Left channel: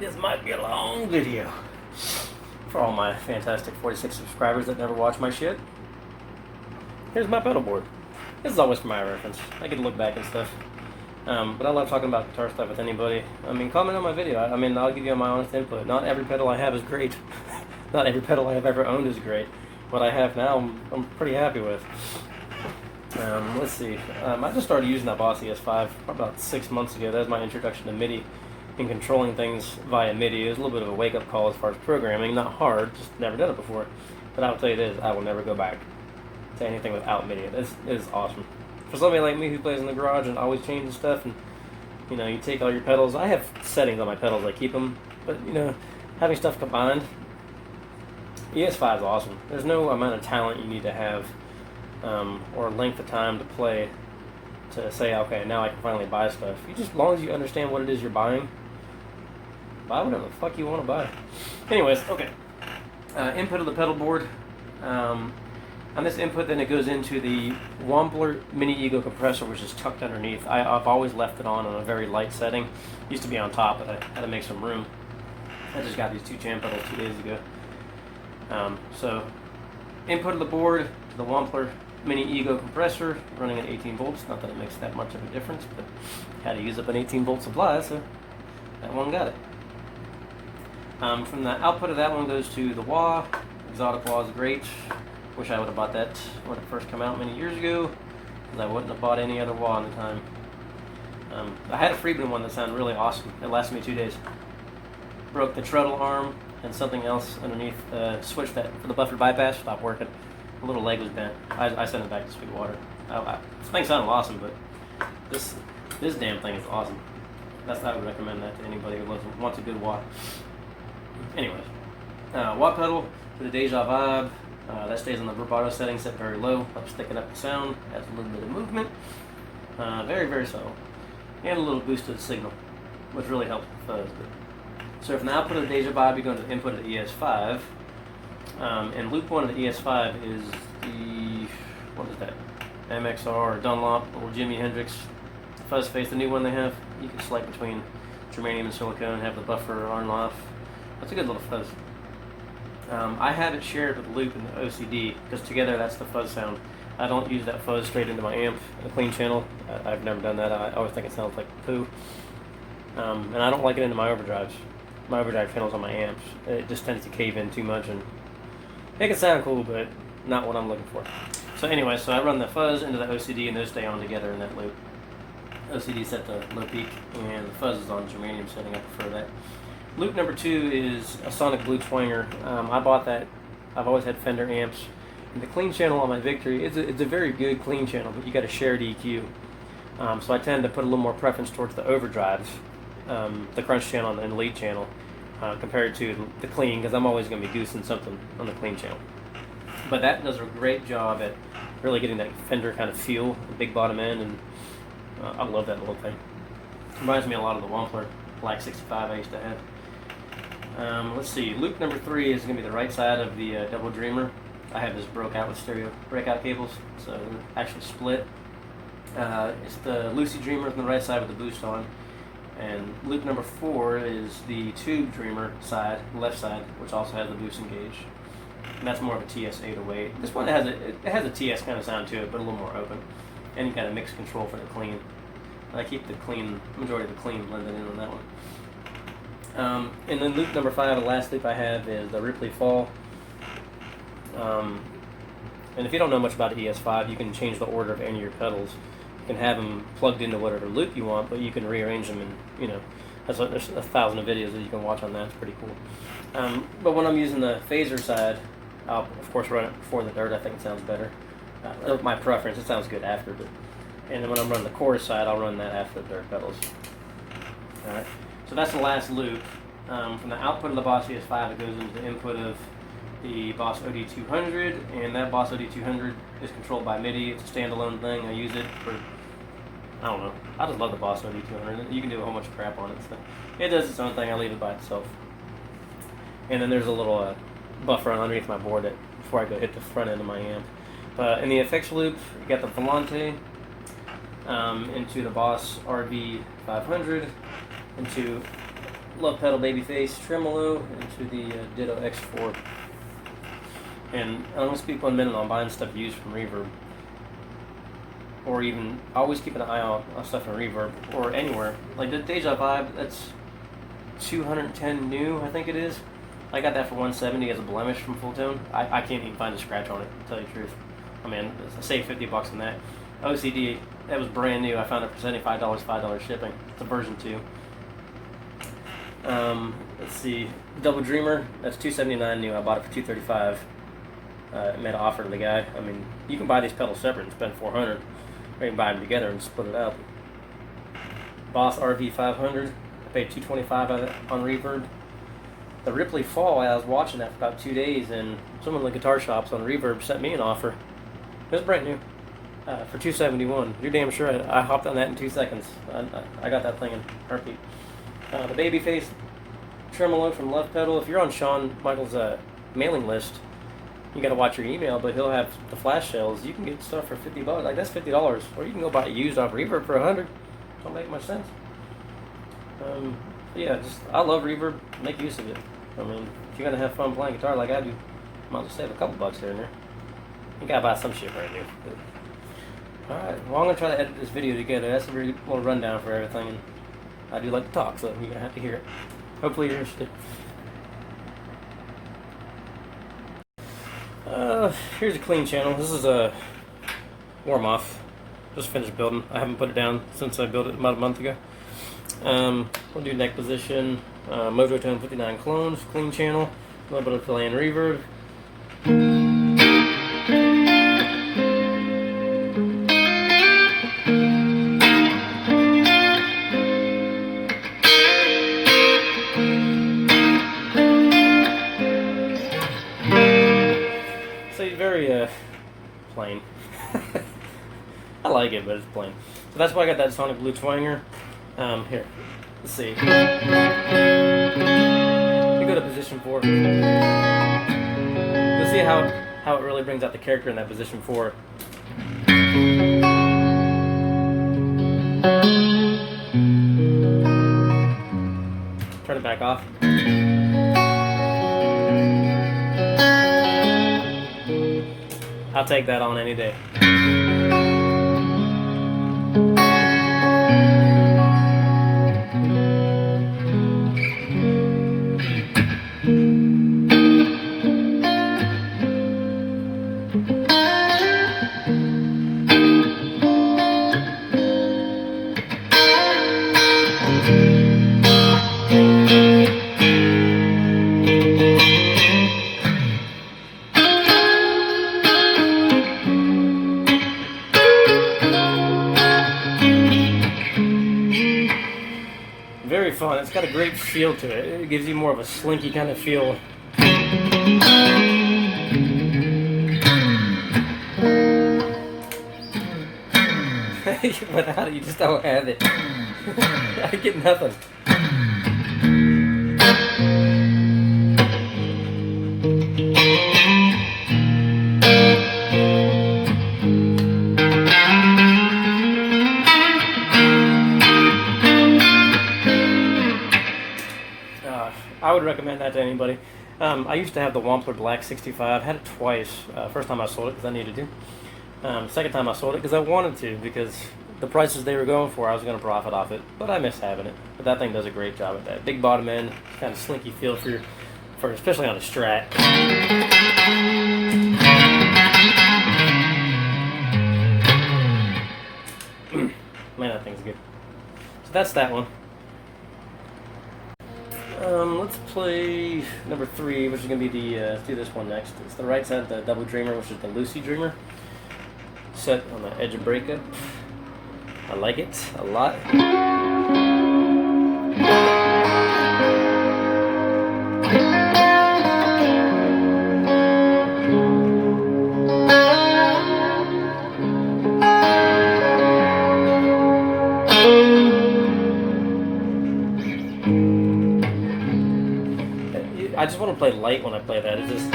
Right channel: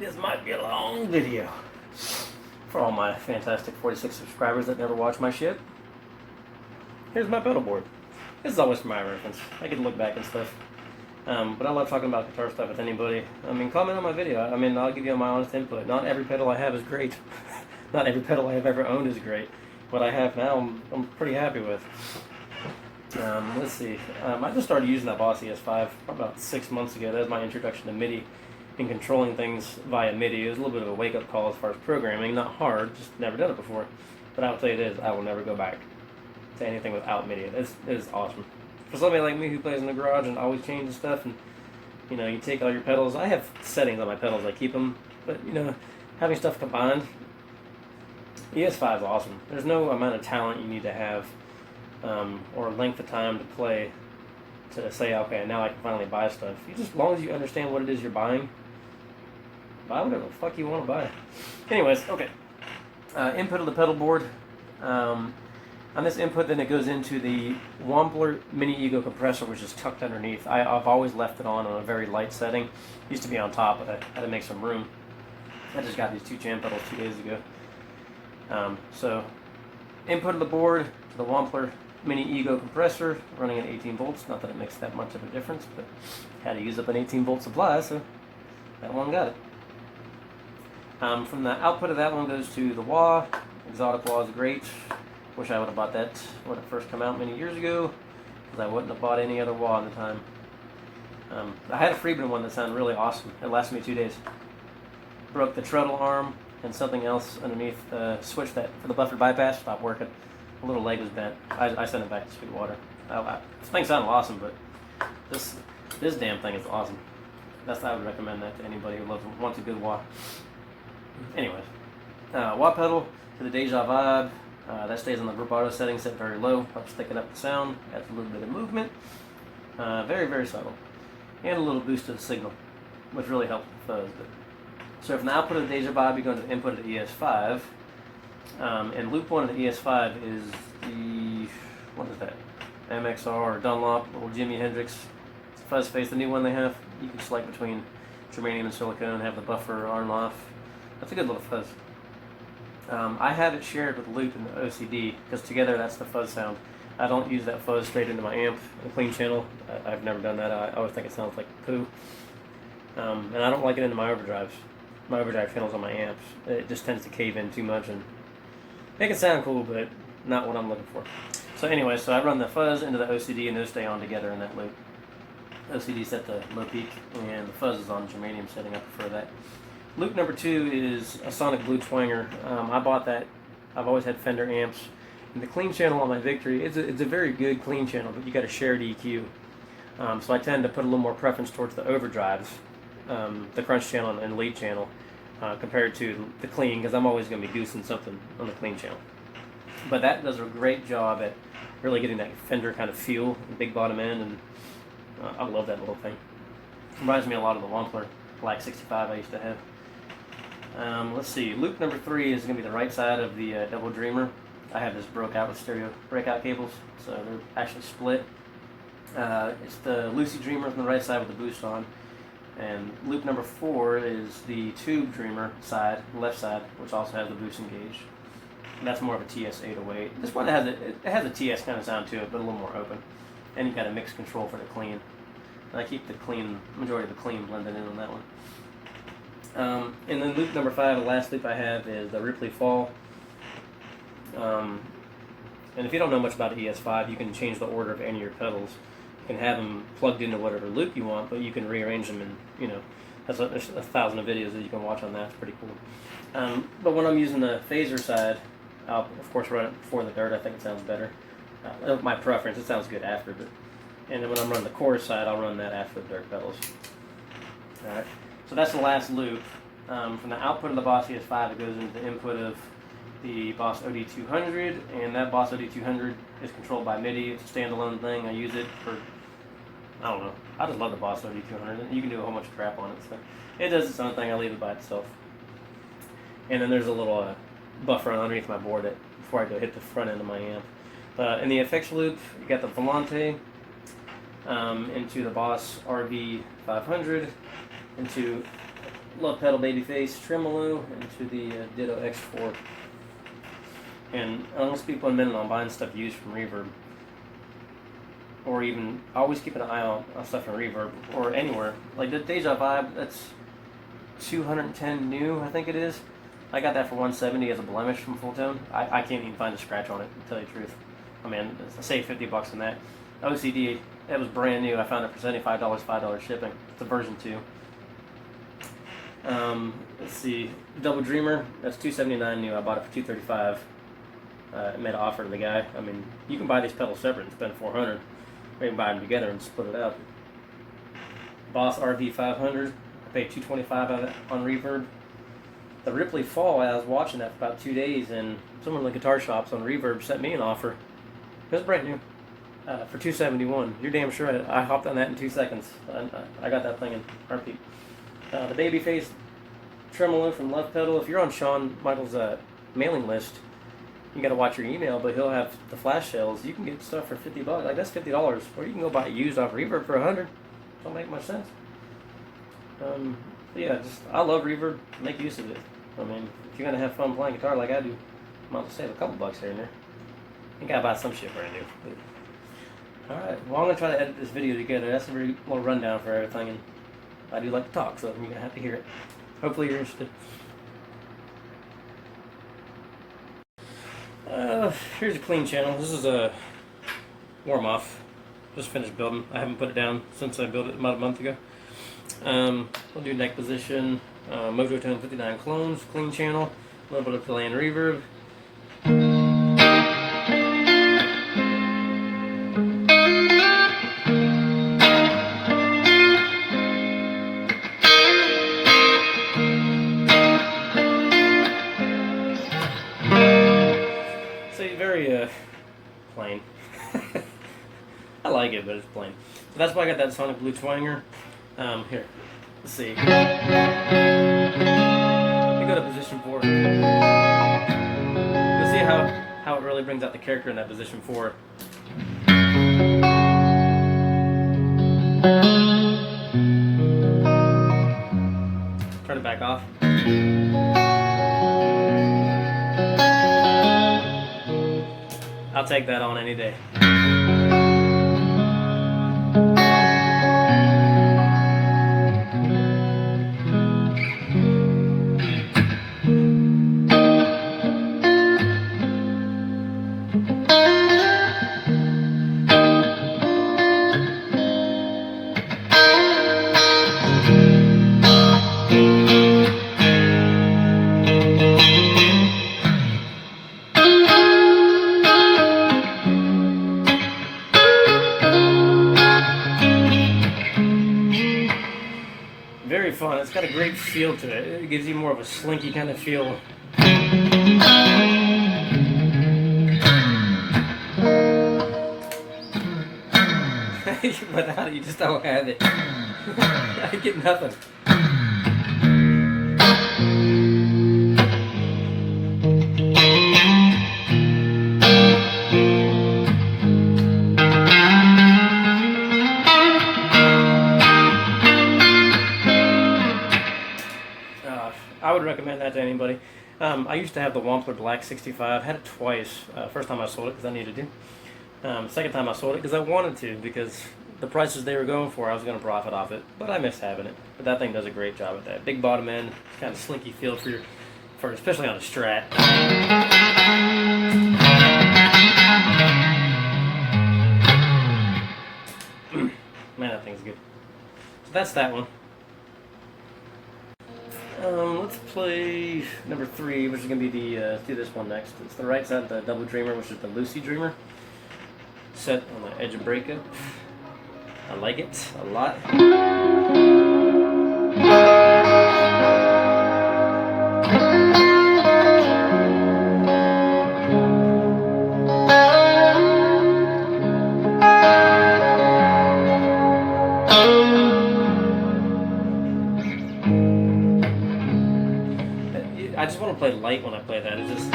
This might be a long video for all my fantastic 46 subscribers that never watch my shit. Here's my pedal board. This is always for my reference. I get to look back and stuff. But I love talking about guitar stuff with anybody. I mean, comment on my video. I'll give you my honest input. Not every pedal I have is great. Not every pedal I have ever owned is great. What I have now, I'm pretty happy with. Let's see. I just started using that Boss ES5 about 6 months ago. That was my introduction to MIDI and controlling things via MIDI. It was a little bit of a wake-up call as far as programming. Not hard, just never done it before. But I will tell you this, I will never go back to anything without MIDI. It is awesome. For somebody like me who plays in the garage and always changes stuff, and you take all your pedals. I have settings on my pedals, I keep them, but having stuff combined, ES5 is awesome. There's no amount of talent you need to have or length of time to play to say, okay, now I can finally buy stuff. As long as you understand what it is you're buying, buy whatever the fuck you want to buy. Anyways, okay. Input of the pedal board. On this input, then it goes into the Wampler Mini Ego compressor, which is tucked underneath. I've always left it on a very light setting. It used to be on top, but I had to make some room. I just got these two jam pedals 2 days ago. So, input of the board to the Wampler Mini Ego compressor, running at 18 volts. Not that it makes that much of a difference, but had to use up an 18 volt supply, so that one got it. From the output of that one goes to the wah. Exotic wah is great. Wish I would have bought that when it first came out many years ago, because I wouldn't have bought any other wah at the time. I had a Friedman one that sounded really awesome. It lasted me 2 days. Broke the treadle arm and something else underneath. Switch that for the buffer bypass, stopped working. The little leg was bent. I sent it back to Sweetwater. The thing sounded awesome, but this damn thing is awesome. I would recommend that to anybody who wants a good wah. Anyways, wah pedal for the Deja Vibe. That stays on the vibrato setting, set very low, helps thicken up the sound, adds a little bit of movement. Very, very subtle. And a little boost to the signal, which really helps the fuzz. So from the output of the Deja Vibe, you go to the input of the ES5. And loop 1 of the ES5 is the, what is that? MXR or Dunlop or Jimi Hendrix fuzz face, the new one they have. You can select between germanium and silicone and have the buffer on and off. That's a good little fuzz. I have it shared with loop and the OCD, because together that's the fuzz sound. I don't use that fuzz straight into my amp in a clean channel. I've never done that. I always think it sounds like poo. And I don't like it into my overdrives. My overdrive channels on my amps. It just tends to cave in too much and make it sound cool, but not what I'm looking for. So anyway, I run the fuzz into the OCD and those stay on together in that loop. OCD set the low peak and the fuzz is on germanium setting. I prefer that. Loop number 2 is a Sonic Blue Twanger. I bought that. I've always had Fender amps. And the clean channel on my Victory, it's a very good clean channel, but you got a shared EQ. So I tend to put a little more preference towards the overdrives, the crunch channel and the lead channel, compared to the clean, because I'm always going to be goosing something on the clean channel. But that does a great job at really getting that Fender kind of feel, the big bottom end, and I love that little thing. Reminds me a lot of the Wampler Black 65 I used to have. Let's see, loop number 3 is going to be the right side of the Double Dreamer. I have this broke out with stereo breakout cables, so they're actually split. It's the Lucy Dreamer on the right side with the boost on. And loop number 4 is the Tube Dreamer side, left side, which also has the boost engaged. And that's more of a TS 808. This one has a TS kind of sound to it, but a little more open. And you got a mix control for the clean. I keep the majority of the clean blended in on that one. And then loop number 5, the last loop I have, is the Ripley Fall. And if you don't know much about the ES5, you can change the order of any of your pedals. You can have them plugged into whatever loop you want, but you can rearrange them, and there's 1,000 of videos that you can watch on that. It's pretty cool. But when I'm using the phaser side, I'll of course run it before the dirt. I think it sounds better. My preference. It sounds good after, and then when I'm running the chorus side, I'll run that after the dirt pedals. All right. So that's the last loop. From the output of the Boss ES5, it goes into the input of the Boss OD200, and that Boss OD200 is controlled by MIDI. It's a standalone thing. I use it for, I don't know. I just love the Boss OD200. You can do a whole bunch of crap on it. So it does its own thing. I leave it by itself. And then there's a little buffer underneath my board that before I go hit the front end of my amp. In the effects loop, you got the Volante into the Boss RB500, into Love Pedal Babyface Tremolo into the Ditto X4. And I'm going to speak 1 minute on buying stuff used from Reverb. Or even, always keep an eye out on stuff from Reverb or anywhere. Like the Deja Vibe, that's 210 new, I think it is. I got that for 170 as a blemish from Full Tone. I can't even find a scratch on it, to tell you the truth. I mean, I saved $50 on that. OCD, that was brand new. I found it for $75, $5 shipping. It's a version 2. Let's see, Double Dreamer, that's $279 new. I bought it for $235. I made an offer to the guy. I mean, you can buy these pedals separate and spend $400. Or you can buy them together and split it up. Boss RV 500, I paid $225 on Reverb. The Ripley Fall, I was watching that for about 2 days, and someone in the guitar shops on Reverb sent me an offer. It was brand new for $271. You're damn sure I hopped on that in 2 seconds. I got that thing in heartbeat. The Babyface Tremolo from Love Pedal. If you're on Shawn Michaels' mailing list, you got to watch your email, but he'll have the flash sales. You can get stuff for $50. Like, that's $50, or you can go buy it used off Reverb for $100. Don't make much sense. Yeah, I love Reverb. Make use of it. I mean, if you're gonna have fun playing guitar like I do, might as well save a couple bucks here and there. You gotta buy some shit brand new. Alright, well, I'm gonna try to edit this video together. That's a very little rundown for everything, and I do like to talk, so you're gonna have to hear it. Hopefully you're interested. Here's a clean channel. This is a warm off. Just finished building. I haven't put it down since I built it about a month ago. We'll do neck position, Mojo Tone 59 clones, clean channel, a little bit of delay and reverb. So very plain. I like it, but it's plain. So that's why I got that Sonic Blue Twanger. Here, let's see. You go to position 4. You'll see how it really brings out the character in that position 4. Turn it back off. I'll take that on any day. Very fun. It's got a great feel to it. It gives you more of a slinky kind of feel. Without it, you just don't have it. I get nothing. I would recommend that to anybody. I used to have the Wampler Black 65. Had it twice. First time I sold it because I needed to. Second time I sold it because I wanted to, because the prices they were going for, I was going to profit off it. But I miss having it. But that thing does a great job at that. Big bottom end, kind of slinky feel for especially on a Strat. Man, that thing's good. So that's that one. Let's play number 3, which is going to be the, let's do this one next. It's the right side, the Double Dreamer, which is the Lucy Dreamer. Set on the edge of breakup. I like it a lot. I just want to play light when I play that. It's just...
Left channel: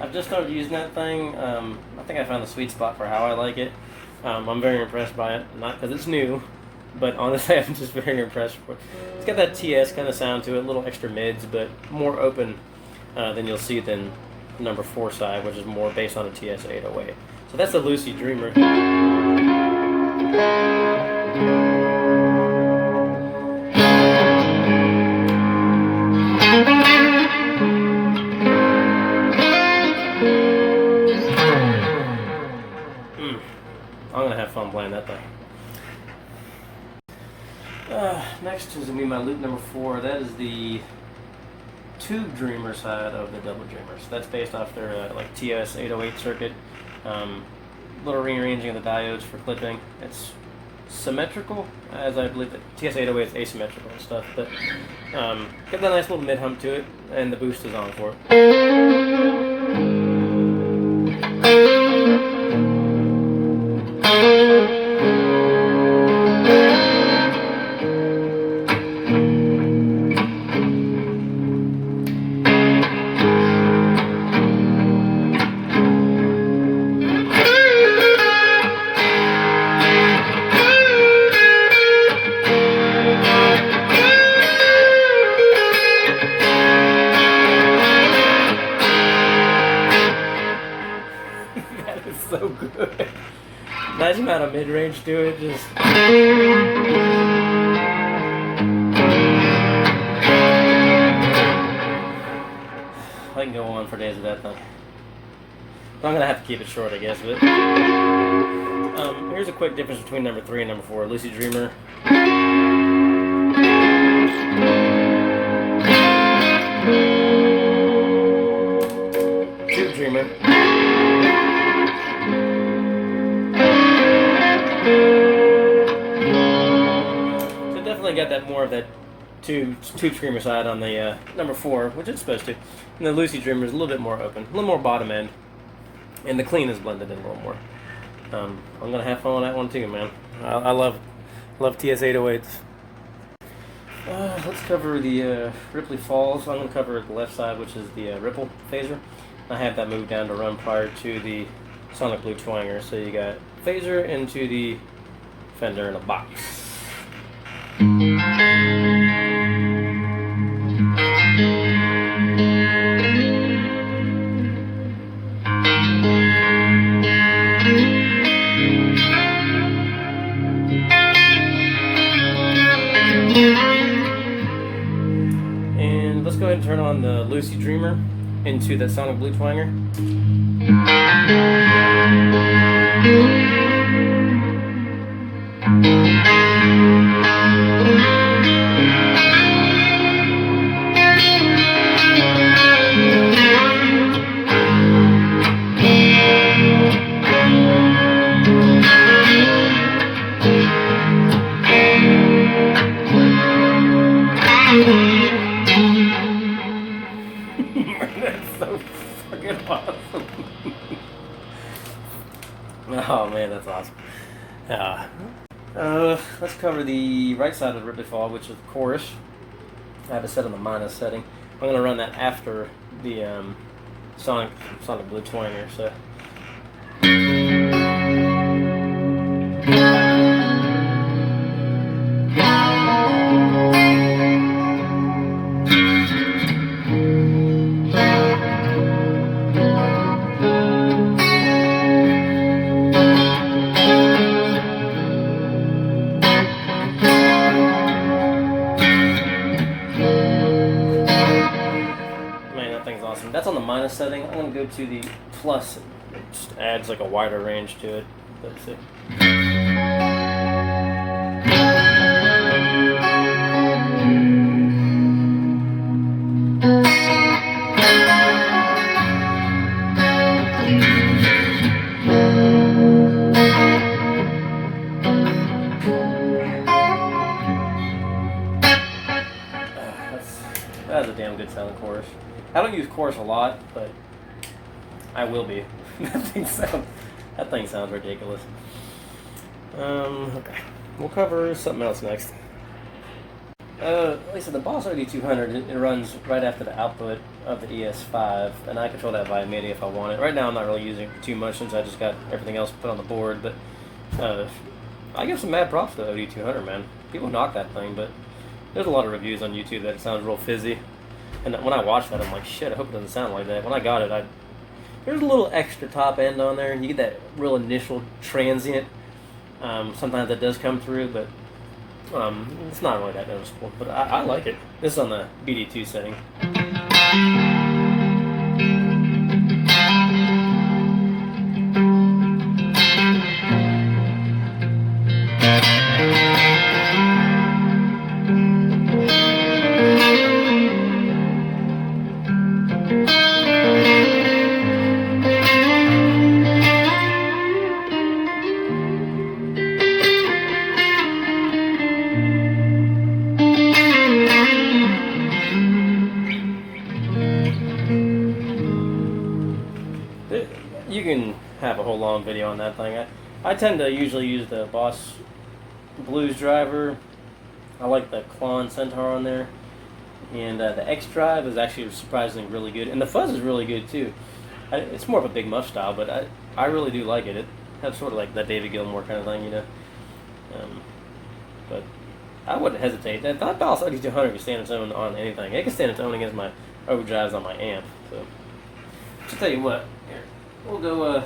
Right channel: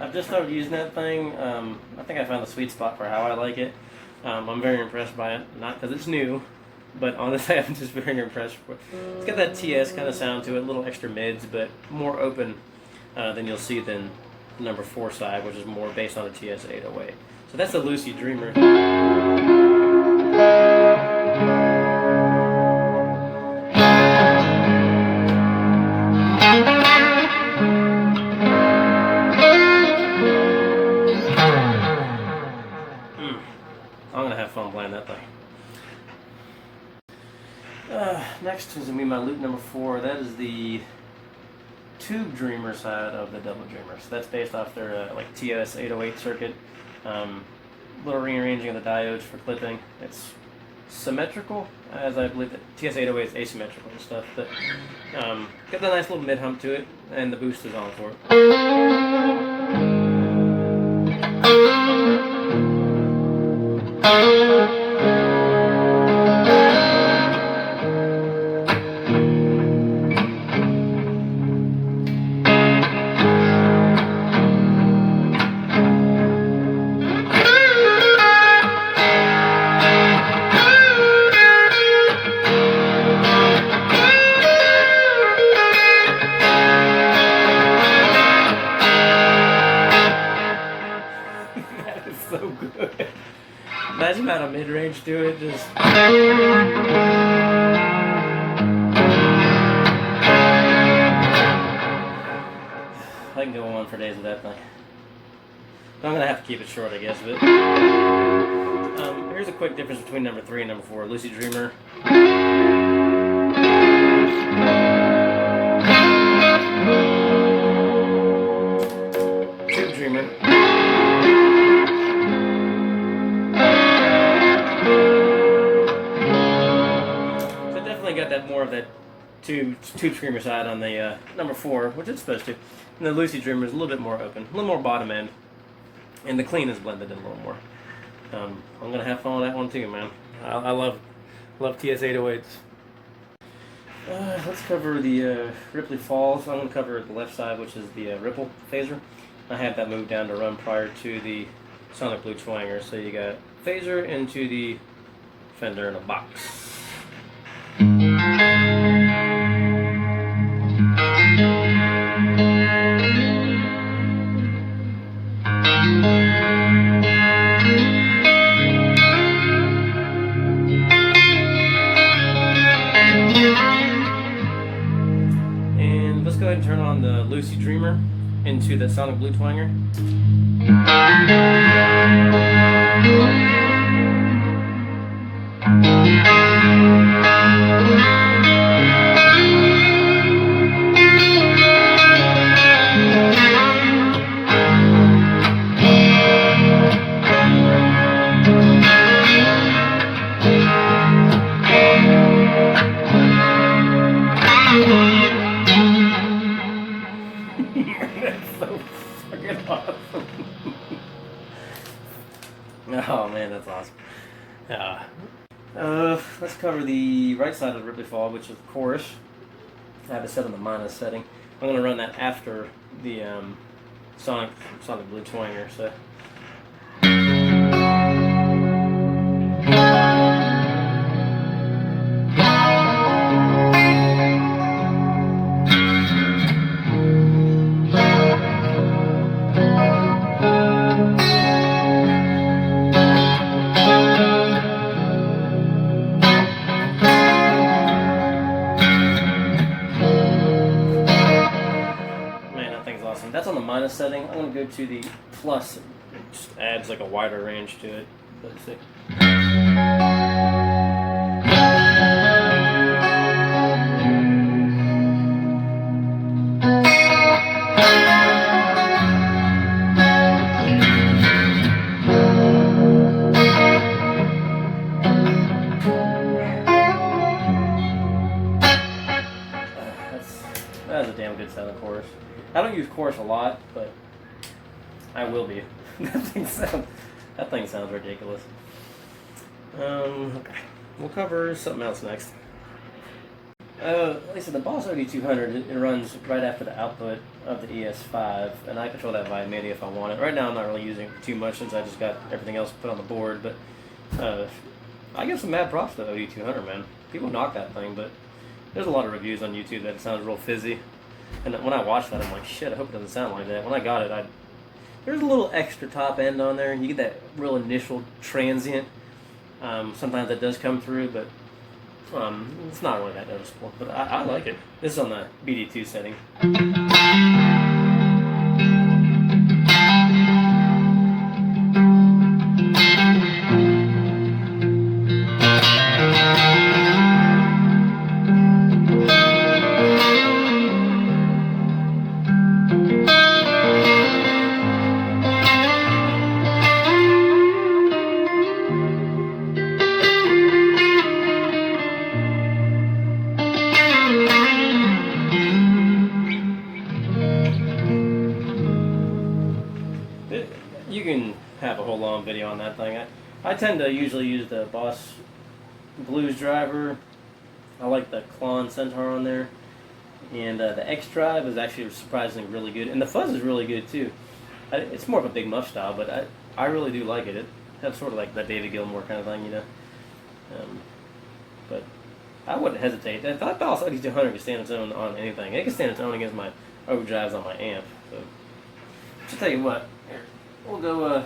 I've just started using that thing. I think I found the sweet spot for how I like it. I'm very impressed by it, not because it's new, but honestly, I'm just very impressed with it. It's got that TS kind of sound to it, little extra mids, but more open than you'll see than number 4 side, which is more based on a TS 808. So that's the Lucy Dreamer. I'm gonna have fun playing that thing. Next is gonna be my loop number 4. That is the Tube Dreamer side of the Double Dreamer. So that's based off their like TS 808 circuit. Little rearranging of the diodes for clipping. It's symmetrical, as I believe that TS 808 is asymmetrical and stuff, but got a nice little mid hump to it, and the boost is on for it. That is so good. Imagine how a mid-range to it, just... I can go on for days with that thing. But I'm going to have to keep it short, I guess. But here's a quick difference between number 3 and number 4. Lucy Dreamer. Tube Dreamer. So definitely got that more of that tube Dreamer side on the number 4, which it's supposed to. And the Lucy Dreamer is a little bit more open, a little more bottom end, and the clean is blended in a little more. I'm gonna have fun with that one too, man. I love TS 808s. Let's cover the Ripley Falls. I'm gonna cover the left side, which is the Ripple phaser. I had that moved down to run prior to the Sonic Blue Twanger, so you got phaser into the Fender in a box. And let's go ahead and turn on the Lucy Dreamer into the Sonic Blue Twanger. That's so fucking awesome. Oh man, that's awesome. Let's cover the right side of the Ripley Fall, which is the chorus. I have it set on the minus setting. I'm going to run that after the Sonic Blue Twanger. So. That's on the minus setting. I'm going to go to the plus. It just adds like a wider range to it. That's it. That's a damn good sounding chorus. I don't use chorus a lot, but I will be. That thing sounds ridiculous. Okay. We'll cover something else next. Like I said, the Boss OD200, it runs right after the output of the ES5, and I control that via MIDI if I want it. Right now I'm not really using it too much since I just got everything else put on the board, but I give some mad props to the OD200, man. People knock that thing, but there's a lot of reviews on YouTube that it sounds real fizzy. And when I watch that, I'm like, shit, I hope it doesn't sound like that. When I got it, there's a little extra top end on there. You get that real initial transient. Sometimes that does come through, but it's not really that noticeable. But I like it. This is on the BD2 setting. You can have a whole long video on that thing. I tend to usually use the Boss Blues driver. I like the Klon Centaur on there. And the X drive is actually surprisingly really good. And the fuzz is really good too. It's more of a big muff style, but I really do like it. It has sort of like that David Gilmour kind of thing, you know. But I wouldn't hesitate. That Boss OD200 can stand its own on anything. It can stand its own against my overdrives on my amp. So, just tell you what. Here. We'll go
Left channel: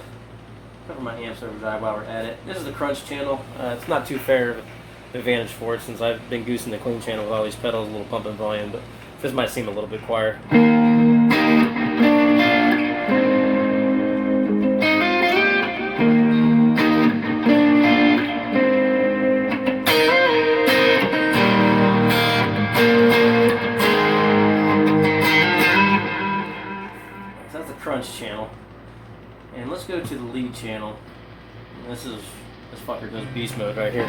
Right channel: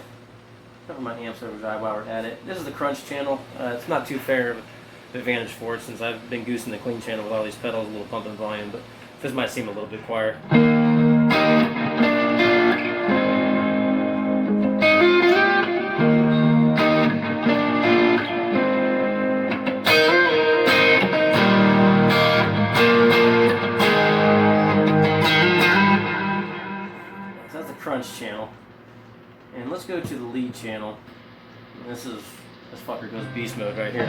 cover my amps overdrive while we're at it. This is the Crunch channel. It's not too fair advantage for it since I've been goosing the clean channel with all these pedals, a little pump and volume, but this might seem a little bit quieter. So that's the Crunch channel. And let's go to the lead channel. This fucker goes beast mode right here.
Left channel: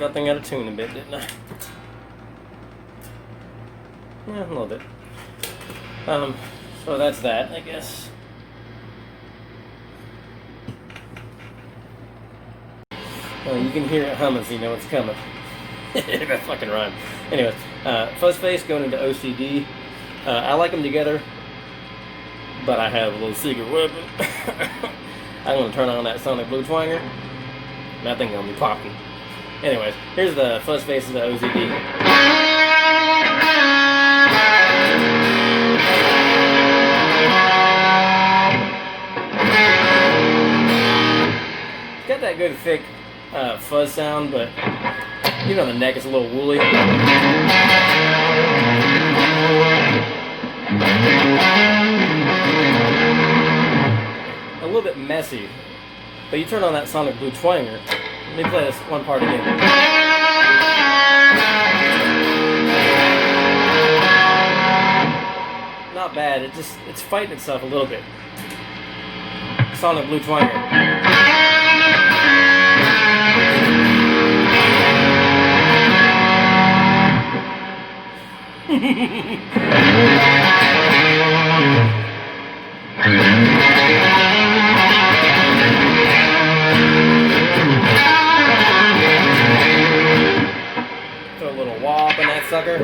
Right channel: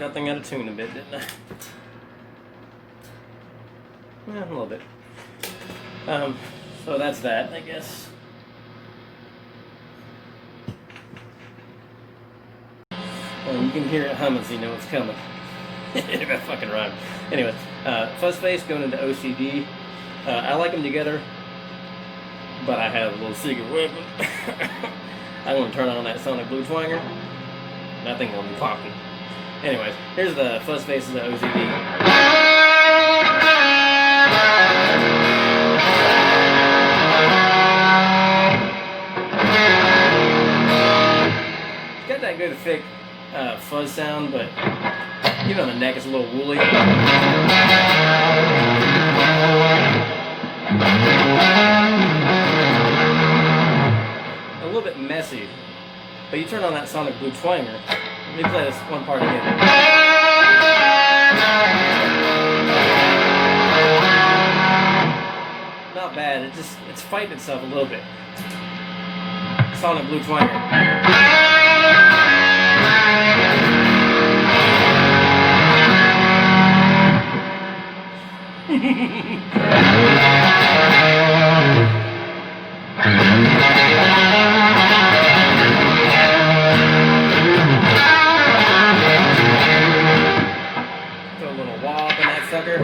That thing out of tune a bit, didn't I? Yeah, a little bit. So that's that, I guess. You can hear it humming, so you know it's coming. That fucking rhyme. Anyways, fuzz face going into OCD. I like them together, but I have a little secret weapon. I'm going to turn on that Sonic Blue Twanger. That thing going to be popping. Anyways, here's the fuzz face of the OZD. It's got that good thick fuzz sound, but even on the neck it's a little woolly. A little bit messy. But you turn on that Sonic Blue Twanger. Let me play this one part again. Not bad, it's fighting itself a little bit. Sonic Blue Twanger. Sucker.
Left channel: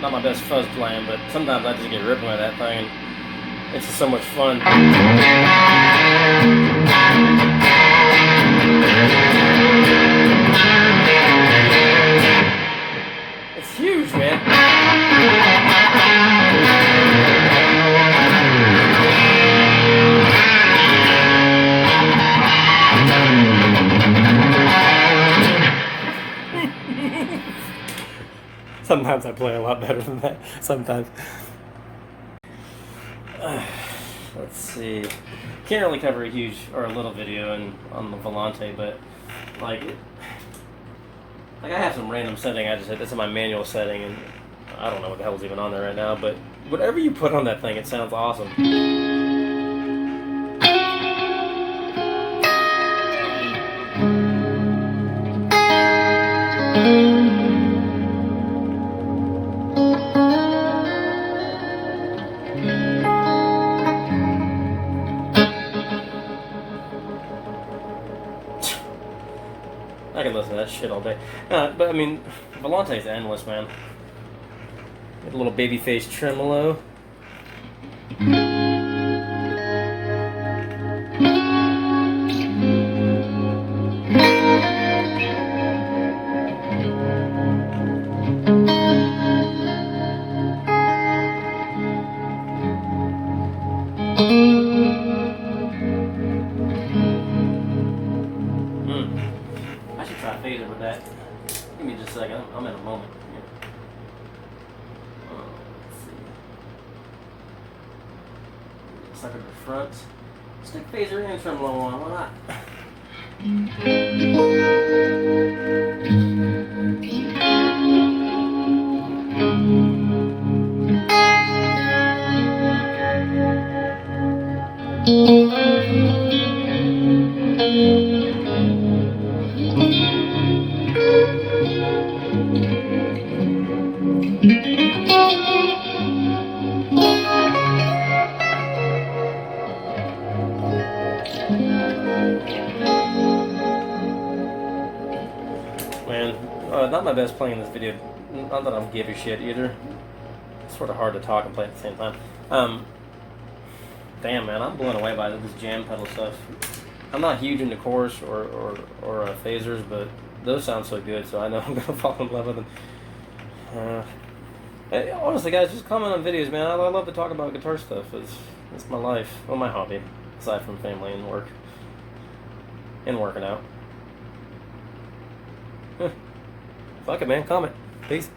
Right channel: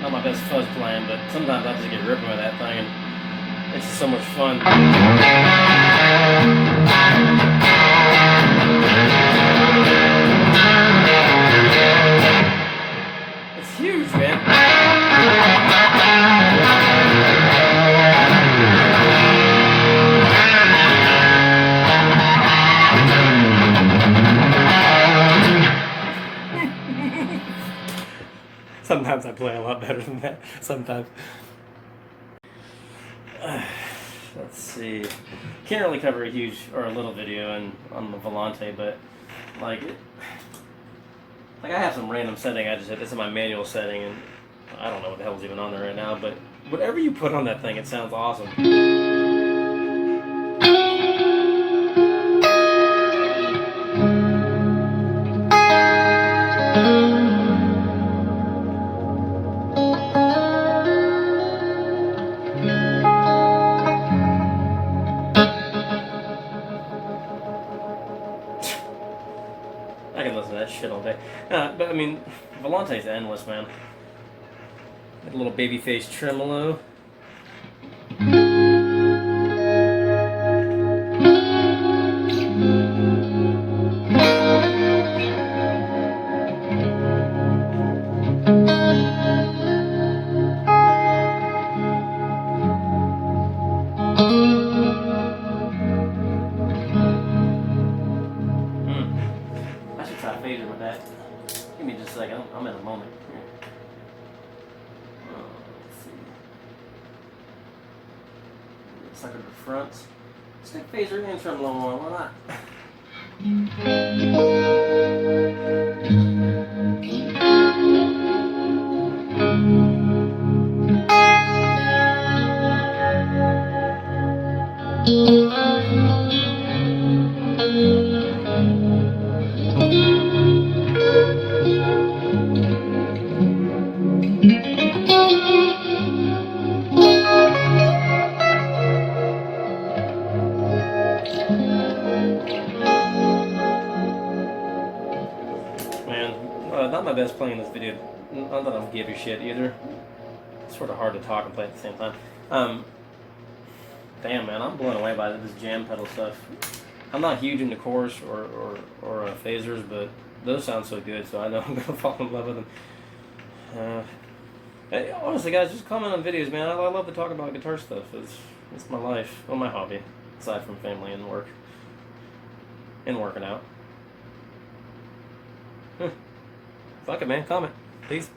Not my best fuzz playing, but sometimes I just get ripping with that thing, and it's just so much fun. It's huge, man. sometimes I play a lot better than that. Sometimes. Let's see. Can't really cover a huge or a little video on the Volante, but like I have some random setting. I just it's in my manual setting, and I don't know what the hell's even on there right now. But whatever you put on that thing, it sounds awesome. I can listen to that shit all day. But I mean, Volante is endless, man. Get a little baby face tremolo. I should try phaser with that. Give me just a second. I'm in a moment here. Let's see. Sucker to the front. Stick phaser and tremolo on. Why not? Man, not my best playing this video. Not that I'm giving shit either. It's sort of hard to talk and play at the same time. Damn, man, I'm blown away by this jam pedal stuff. I'm not huge into chorus or phasers, but those sound so good, so I know I'm gonna fall in love with them. Hey, honestly, guys, just comment on videos, man. I love to talk about guitar stuff. It's my life, well, my hobby, aside from family and work and working out. Fuck it, man. Comment. Peace.